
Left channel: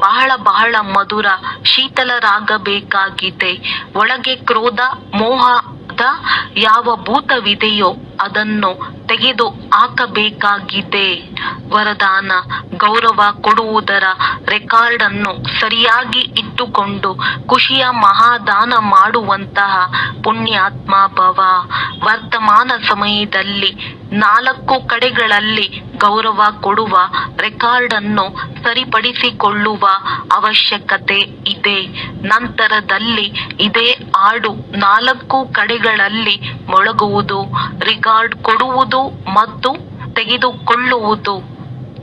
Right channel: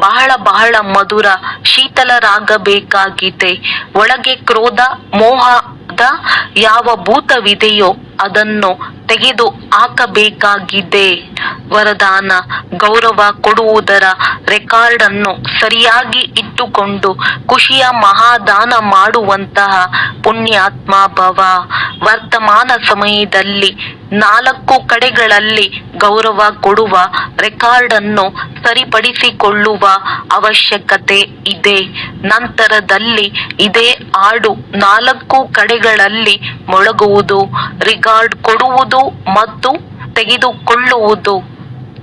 ಬಹಳ ಬಹಳ ಮಧುರ ಶೀತಲರಾಗಬೇಕಾಗಿದೆ. ಒಳಗೆ ಕ್ರೋಧ ಮೋಹದ ಯಾವ ಭೂತವಿದೆಯೋ ಅದನ್ನು ತೆಗೆದು ಹಾಕಬೇಕಾಗಿದೆ. ವರದಾನ: ಗೌರವ ಕೊಡುವುದರ ರೆಕಾರ್ಡ್ ಅನ್ನು ಸರಿಯಾಗಿ ಇಟ್ಟುಕೊಂಡು ಖುಷಿಯ ಮಹಾದಾನ ಮಾಡುವಂತಹ ಪುಣ್ಯಾತ್ಮ ಭವ. ವರ್ತಮಾನ ಸಮಯದಲ್ಲಿ 4 ಕಡೆಗಳಲ್ಲಿ ಗೌರವ ಕೊಡುವ ರೆಕಾರ್ಡ್ ಅನ್ನು ಸರಿಪಡಿಸಿಕೊಳ್ಳುವ ಅವಶ್ಯಕತೆ ಇದೆ. ನಂತರದಲ್ಲಿ ಇದೇ ಹಾಡು 4 ಕಡೆಗಳಲ್ಲಿ ಮೊಳಗುವುದು, ರೆಕಾರ್ಡ್ ಕೊಡುವುದು ಮತ್ತು ತೆಗೆದುಕೊಳ್ಳುವುದು.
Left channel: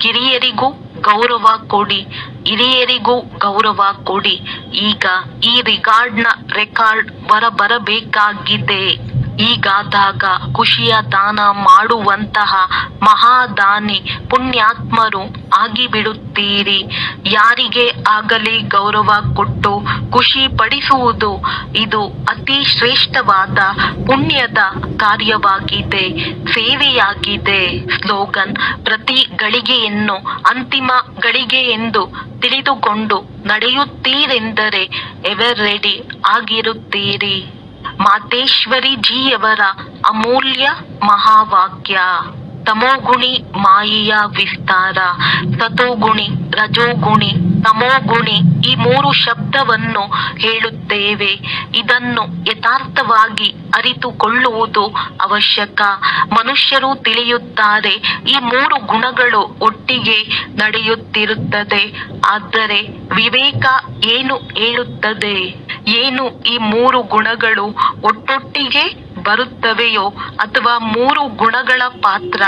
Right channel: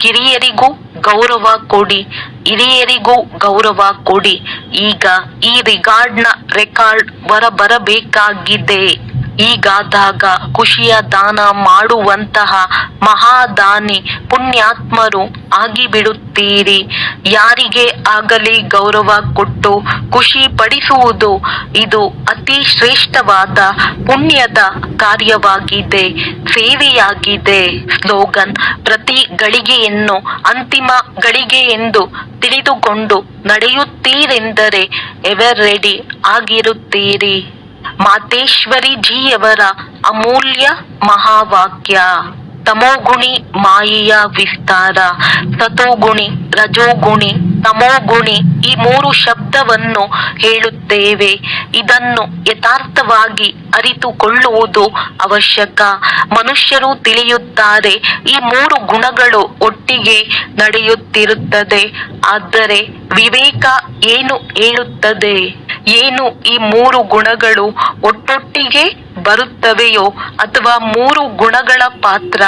ಕಿರಿಯರಿಗೂ ಗೌರವ ಕೊಡಿ, ಹಿರಿಯರಿಗೂ ಗೌರವ ಕೊಡಿ. ಈಗ ಈ ರೆಕಾರ್ಡ್ ಹೊರಬರಬೇಕಾಗಿದೆ. ಹೀಗಾದಾಗ ಖುಷಿಯ ದಾನ ಮಾಡುವಂತಹ ಮಹಾದಾನಿ ಪುಣ್ಯಾತ್ಮರು ಆಗಿಬಿಡುತ್ತೀರಿ. ಯಾರಿಗೆ ಆಗಲಿ ಗೌರವ ಕೊಟ್ಟು ಖುಷಿ ಪಡಿಸುವುದು ಇದು ಅತಿ ಶ್ರೇಷ್ಠವಾದ ಪುಣ್ಯದ ಕಾರ್ಯವಾಗಿದೆ, ಸೇವೆಯಾಗಿದೆ. ಸ್ಲೋಗನ್: ಪ್ರತಿ ಗಳಿಗೆಯನ್ನು ಅಂತಿಮ ಗಳಿಗೆ ಎಂದು ತಿಳಿದುಕೊಂಡು ನಡೆಯುತ್ತೀರೆಂದರೆ ಎವರ್ ರೆಡಿ ಆಗಿರುತ್ತೀರಿ. ಮಾತೇಶ್ವರಿ ಜಿಯವರ ಅಮೂಲ್ಯ ಮಹಾವಾಕ್ಯ. ತಮೋಗುಣಿ ಮಾಯೆಯ ವಿಸ್ತಾರ. ಸತೋಗುಣಿ, ರಜೋಗುಣಿ, ತಮೋಗುಣಿ ಈ 3 ಶಬ್ದವನ್ನು ಹೇಳುತ್ತೇವೆ. ಇದನ್ನು ಯಥಾರ್ಥವಾಗಿ ಅರಿತುಕೊಳ್ಳುವುದು ಅವಶ್ಯಕ. ಮನುಷ್ಯರು ತಿಳಿಯುತ್ತಾರೆ ಈ 3 ಗುಣಗಳು ಒಟ್ಟಿಗೆ ನಡೆಯುತ್ತಿರುತ್ತದೆ. ಆದರೆ ವಿವೇಕ ಏನು ಹೇಳುತ್ತದೆ? ಏನು ಈ 3 ಗುಣಗಳು ಒಟ್ಟೊಟ್ಟಿಗೆ ಬರುತ್ತವೆಯೋ ಅಥವಾ 3 ಗುಣಗಳ ಪಾತ್ರ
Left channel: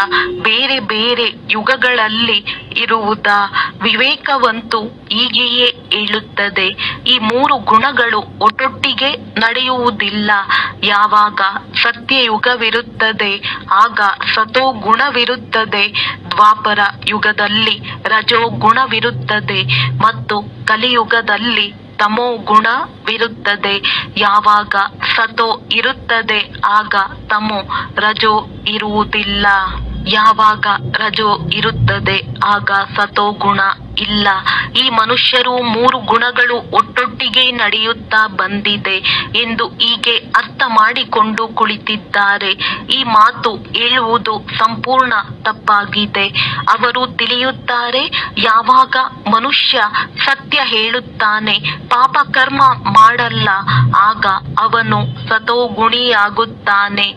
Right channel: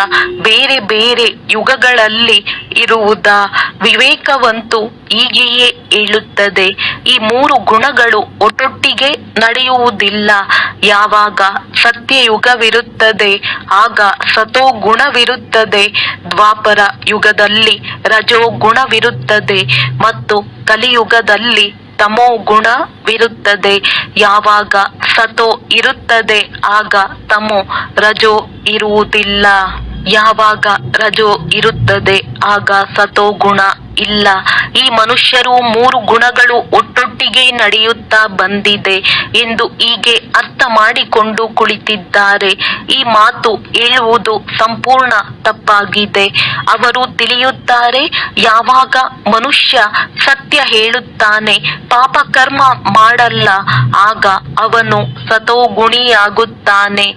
ಬೇರೆ ಬೇರೆ ಯುಗಗಳಲ್ಲಿ ಇರುವುದಾ? ವಿವೇಕವಂತೂ ಹೀಗೆಯೇ ಹೇಳುತ್ತದೆ, ಈ 3 ಗುಣಗಳು ಒಟ್ಟೊಟ್ಟಿಗೆ ನಡೆಯುವುದಿಲ್ಲ. ಯಾವಾಗ ಸತ್ಯಯುಗವಿರುತ್ತದೆ ಆಗ ಸತೋ ಗುಣವಿರುತ್ತದೆ, ದ್ವಾಪರ ಯುಗದಲ್ಲಿ ರಜೋ ಗುಣವಿರುತ್ತದೆ ಮತ್ತು ಕಲಿಯುಗದಲ್ಲಿ ತಮೋ ಗುಣವಿರುತ್ತದೆ. ಯಾವಾಗ ಸತೋ ಇರುತ್ತದೆ ಆಗ ತಮೋ, ರಜೋ ಇರುವುದಿಲ್ಲ. ಯಾವಾಗ ರಜೋ ಇರುತ್ತದೆ ಆಗ ಸತೋ ಗುಣ ಇಲ್ಲ. ಈ ಮನುಷ್ಯರು 3 ಗುಣಗಳು ಒಟ್ಟೊಟ್ಟಿಗೆ ನಡೆಯುತ್ತಾ ಬಂದಿದೆ ಎಂದು ಹೀಗೆ ಅರ್ಥ ಮಾಡಿಕೊಂಡು ಕುಳಿತಿದ್ದಾರೆ. ಈ ಮಾತು ಹೇಳುವುದು ಸಂಪೂರ್ಣ ತಪ್ಪಾಗಿದೆ. ಅವರು ತಿಳಿಯುತ್ತಾರೆ, ಯಾವಾಗ ಮನುಷ್ಯ ಸತ್ಯ ಹೇಳುತ್ತಾನೆ, ಪಾಪ ಕರ್ಮ ಮಾಡಲ್ಲ, ಆಗ ಅವನು ಸತೋಗುಣಿಯಾಗುತ್ತಾನೆ.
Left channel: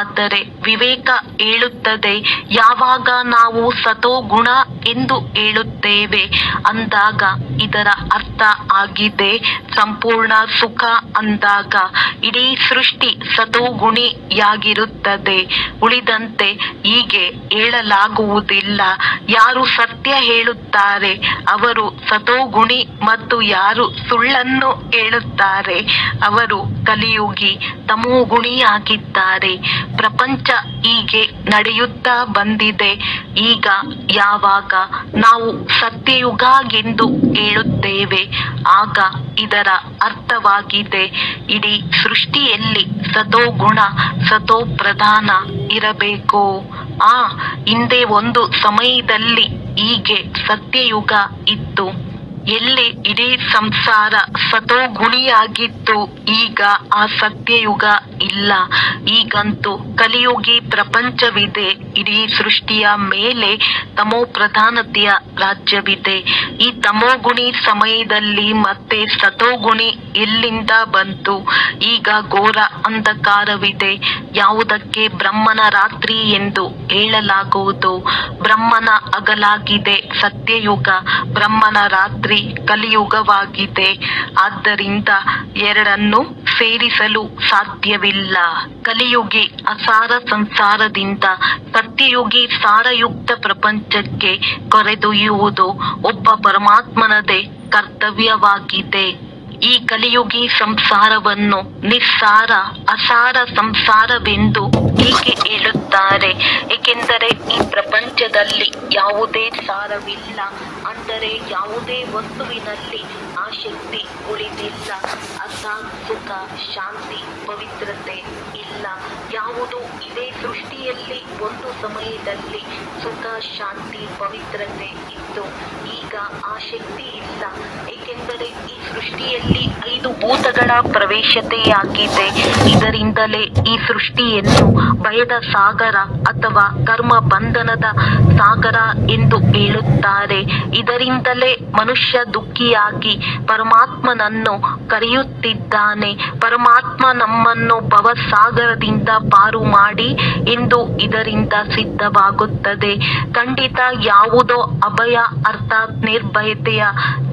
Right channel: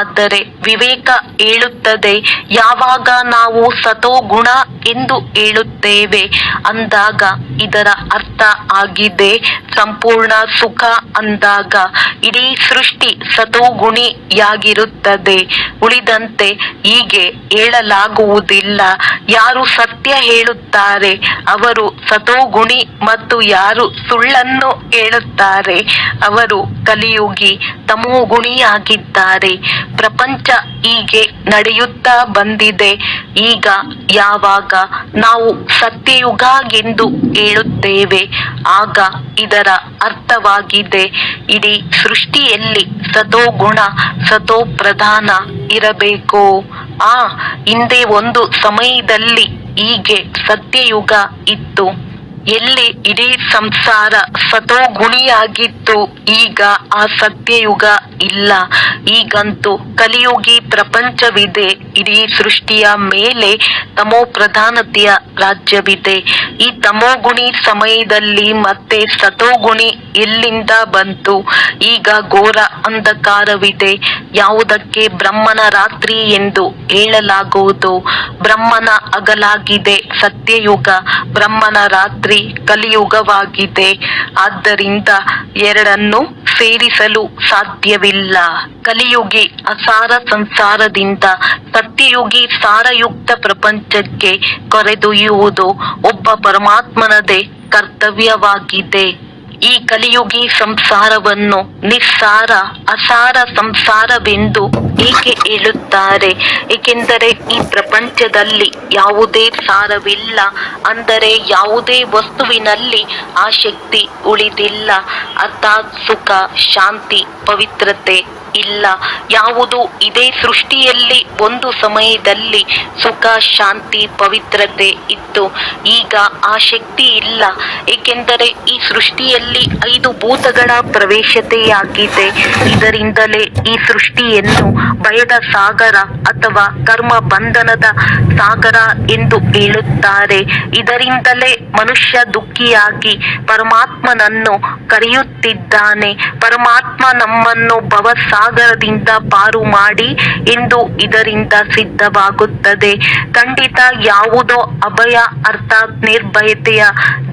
ಆದರೆ ವಿವೇಕ ಹೇಳುತ್ತದೆ, ಯಾವಾಗ ನಾವು ಸತೋಗುಣ ಎಂದು ಹೇಳುತ್ತೇವೆ ಅಂದಾಗ ಇದರ ಅರ್ಥ ಆಗಿದೆ ಸಂಪೂರ್ಣ ಸುಖ ಅಂದಾಗ. ಇಡೀ ಸೃಷ್ಟಿ ಸತೋಗುಣಿಯಾಗಿರುತ್ತದೆ. ಉಳಿದಂತೆ ಹೀಗೆ ಹೇಳಲಾಗುವುದಿಲ್ಲ. ಯಾರು ಸತ್ಯ ಹೇಳುತ್ತಾರೆ ಅವರು ಸತೋಗುಣಿ ಮತ್ತು ಯಾರು ಸುಳ್ಳನ್ನು ಹೇಳುತ್ತಾರೆ ಅವರು ಕಲಿಯುಗಿ ತಮೋಗುಣಿಯಾಗಿದ್ದಾರೆ. ಪ್ರಪಂಚ ಹೀಗೆ ನಡೆಯುತ್ತಾ ಬಂದಿದೆ. ಈಗ ಯಾವಾಗ ನಾವು ಸತ್ಯಯುಗ ಎಂದು ಹೇಳುತ್ತೇವೆ, ಆಗ ಇದರ ಅರ್ಥವಾಗಿದೆ ಇಡೀ ಸೃಷ್ಟಿಯಲ್ಲಿ ಸತೋಗುಣ ಸತೋ ಪ್ರಧಾನ ಇರಬೇಕು. ಹಿಂದೆ ಒಂದು ಸಮಯದಲ್ಲಿ ಹೀಗೆ ಸತ್ಯಯುಗ ಇತ್ತು. ಎಲ್ಲಿ ಇಡೀ ಸಂಸಾರ ಸತೋಗುಣಿಯಾಗಿತ್ತು. ಈಗ ಆ ಸತ್ಯಯುಗ ಇಲ್ಲ. ಈಗಂತೂ ಕಲಿಯುಗಿ ಪ್ರಪಂಚವಿದೆ. ಇಡೀ ಸೃಷ್ಟಿಯ ಮೇಲೆ ತಮೋ ಪ್ರಧಾನತೆಯ ರಾಜ್ಯವಿದೆ. ಈ ತಮೋಗುಣಿ ಸಮಯದಲ್ಲಿ ಮತ್ತೆ ಸತೋಗುಣಿ ಎಲ್ಲಿಂದ ಬಂತು? ಈಗ ಘೋರ ಅಂಧಕಾರವಿದೆ. ಯಾವುದಕ್ಕೆ ಬ್ರಹ್ಮನ ರಾತ್ರಿ ಎಂದು ಹೇಳಲಾಗುವುದು? ಬ್ರಹ್ಮನ ಹಗಲಾಗಿದೆ ಸತ್ಯಯುಗ, ಬ್ರಹ್ಮನ ರಾತ್ರಿ ಕಲಿಯುಗವಾಗಿದೆ. ಆದ್ದರಿಂದ ಎರಡನ್ನು ಸೇರಿಸಲು ಸಾಧ್ಯವಿಲ್ಲ. ಕಲಿಯುಗಿ ಅಸಾರ ಸಂಸಾರದಿಂದ ಸತ್ಯಯುಗಿ ಸಾರಯುಕ್ತ ಪ್ರಪಂಚಕ್ಕೆ ಕರೆದೊಯ್ಯುವುದು ಒಬ್ಬ ಪರಮಾತ್ಮನದೇ ಕರ್ತವ್ಯವಾಗಿದೆ. ಈ ಕಲಿಯುಗಿ ಸಂಸಾರವನ್ನು ನಿಸ್ಸಾರ ಅಸಾರ ಸಂಸಾರವೆಂದು ಏಕೆ ಹೇಳುತ್ತಾರೆ? ಏಕೆಂದರೆ ಈ ಪ್ರಪಂಚದಲ್ಲಿ ಯಾವುದೇ ಸಾರವಿಲ್ಲ. ಅಂದರೆ ಯಾವುದೇ ವಸ್ತುವಿನಲ್ಲಿ ಆ ಶಕ್ತಿ ಉಳಿದಿಲ್ಲ. ಅರ್ಥಾತ್ ಸುಖ, ಶಾಂತಿ, ಪವಿತ್ರತೆ ಇಲ್ಲ. ಯಾವುದು ಇದೇ ಸೃಷ್ಟಿಯಲ್ಲಿ ಒಂದು ಸಮಯದಲ್ಲಿ ಸುಖ, ಶಾಂತಿ, ಪವಿತ್ರತೆ ಇತ್ತು. ಈಗ ಆ ಶಕ್ತಿ ಇಲ್ಲ. ಏಕೆಂದರೆ ಈ ಸೃಷ್ಟಿಯಲ್ಲಿ 5 ಭೂತಗಳ ಪ್ರವೇಶತೆಯಾಗಿದೆ. ಇದರಿಂದಲೇ ಈ ಸೃಷ್ಟಿಯನ್ನು ಭಯದ ಸಾಗರ ಅಥವಾ ಕರ್ಮ ಬಂಧನದ ಸಾಗರ ಎಂದು ಹೇಳುತ್ತಾರೆ. ಇದರಿಂದಲೇ ಮನುಷ್ಯ ದುಃಖಿಯಾಗಿ ಪರಮಾತ್ಮನನ್ನು ಕರೆಯುತ್ತಿದ್ದಾನೆ. ಪರಮಾತ್ಮ ನಮ್ಮನ್ನು ಭವಸಾಗರದಿಂದ ಪಾರು ಮಾಡಿ ಎಂದು ಇದರಿಂದ ಸಿದ್ಧವಾಗುತ್ತದೆ. ಖಂಡಿತ ಯಾವುದೋ ಅಭಯ ಅರ್ಥಾತ್ ನಿರ್ಭಯತೆಯ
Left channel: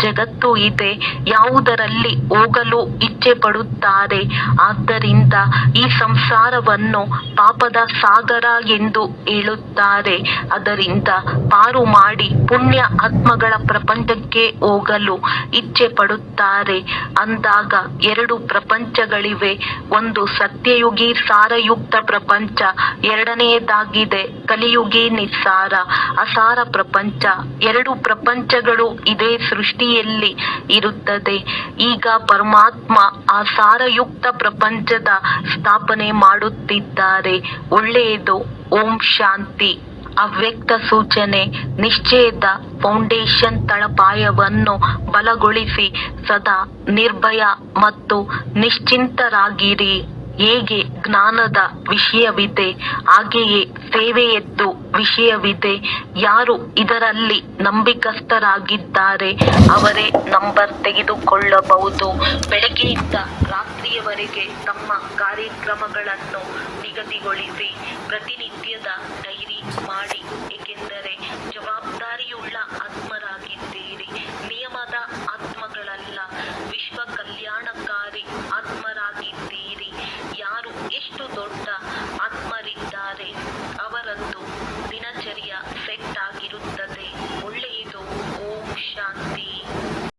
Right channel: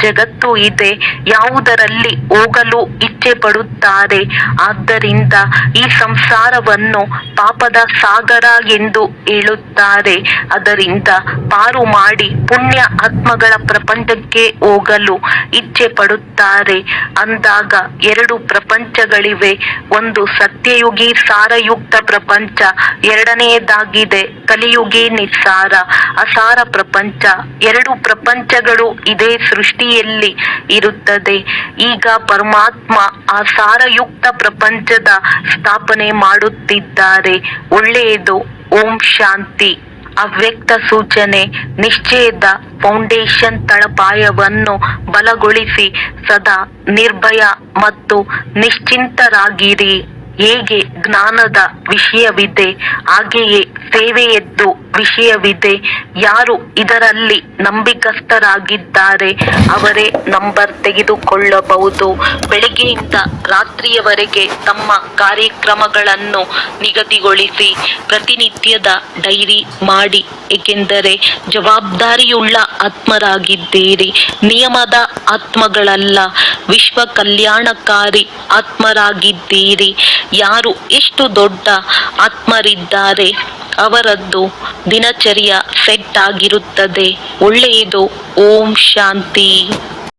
ಜಗತ್ತು ಇದೆ. ಯಾವುದರಲ್ಲಿ ಹೋಗಲು ಇಚ್ಛೆ ಪಡುತ್ತಾರೆ. ಆದ್ದರಿಂದ ಈ ಸಂಸಾರವನ್ನು ಪಾಪದ ಸಾಗರ ಎಂದು ಹೇಳುತ್ತಾರೆ. ಅದರಿಂದ ಪಾರು ಮಾಡಿ ಪುಣ್ಯ ಆತ್ಮಗಳ ಪ್ರಪಂಚಕ್ಕೆ ಹೋಗಲು ಇಚ್ಛೆ ಪಡುತ್ತಾರೆ. ಅಂದಾಗ 2 ಪ್ರಪಂಚಗಳಿವೆ. ಒಂದು ಸತ್ಯಯುಗಿ ಸಾರಯುಕ್ತ ಪ್ರಪಂಚ, ಎರಡನೆಯದಾಗಿದೆ ಕಲಿಯುಗಿ ನಿಸ್ಸಾರ ಅಸಾರ ಪ್ರಪಂಚ. 2 ಪ್ರಪಂಚಗಳು ಇದೇ ಸೃಷ್ಟಿಯಲ್ಲಿ ಇರುತ್ತದೆ. ಈಗ ಪರಮಾತ್ಮ ಆ ಸಾರಯುಕ್ತ ಪ್ರಪಂಚದ ಸ್ಥಾಪನೆ ಮಾಡುತ್ತಿದ್ದಾರೆ. ಒಳ್ಳೆಯದು. ಓಂ ಶಾಂತಿ. ಅವ್ಯಕ್ತ ಸೂಚನೆ. ನಿಶ್ಚಯದ ಫೌಂಡೇಶನ್ ತಳಪಾಯವನ್ನು ಬಲಗೊಳಿಸಿ ಸದಾ ನಿರ್ಭಯ ಮತ್ತು ನಿಶ್ಚಿಂತರಾಗಿರಿ. ಹೇಗೆ ಜ್ಞಾನದ ವಿಷಯವಿದೆ, ಹಾಗೆಯೇ ಸೇವೆಯದ್ದು ವಿಷಯವಿದೆ. ಯಾರು ಇದರಲ್ಲಿ ನಂಬಿಕಸ್ಥರಾಗಿದ್ದಾರೆ ಅವರೇ ನಂಬರ್ ತೆಗೆದುಕೊಳ್ಳಬಹುದು. ಬೆಳಗ್ಗೆಯಿಂದ ರಾತ್ರಿಯವರೆಗೆ ತಮ್ಮ ಕಾರ್ಯಕ್ರಮಗಳನ್ನು ನಿಗದಿಗೊಳಿಸಿ ಪ್ರತಿನಿತ್ಯದ ಡೈರಿ ಮಾಡಿ. ಏಕೆಂದರೆ ಜವಾಬ್ದಾರಿಯುಳ್ಳ ಆತ್ಮರಾಗಿದ್ದೀರಿ. ನಿಯಮದ ಆತ್ಮಗಳಲ್ಲ, ವಿಶ್ವ ಕಲ್ಯಾಣಕಾರಿ ಆತ್ಮರಾಗಿದ್ದೀರಿ. ಯಾರು ಎಷ್ಟು ದೊಡ್ಡ ಆತ್ಮರಿದ್ದಾರೆ ಅವರದ್ದು ದಿನಚರ್ಯ ಸೆಟ್ ಆಗಿರುತ್ತದೆ. ಒಳ್ಳೆಯದು. ಓಂ ಶಾಂತಿ.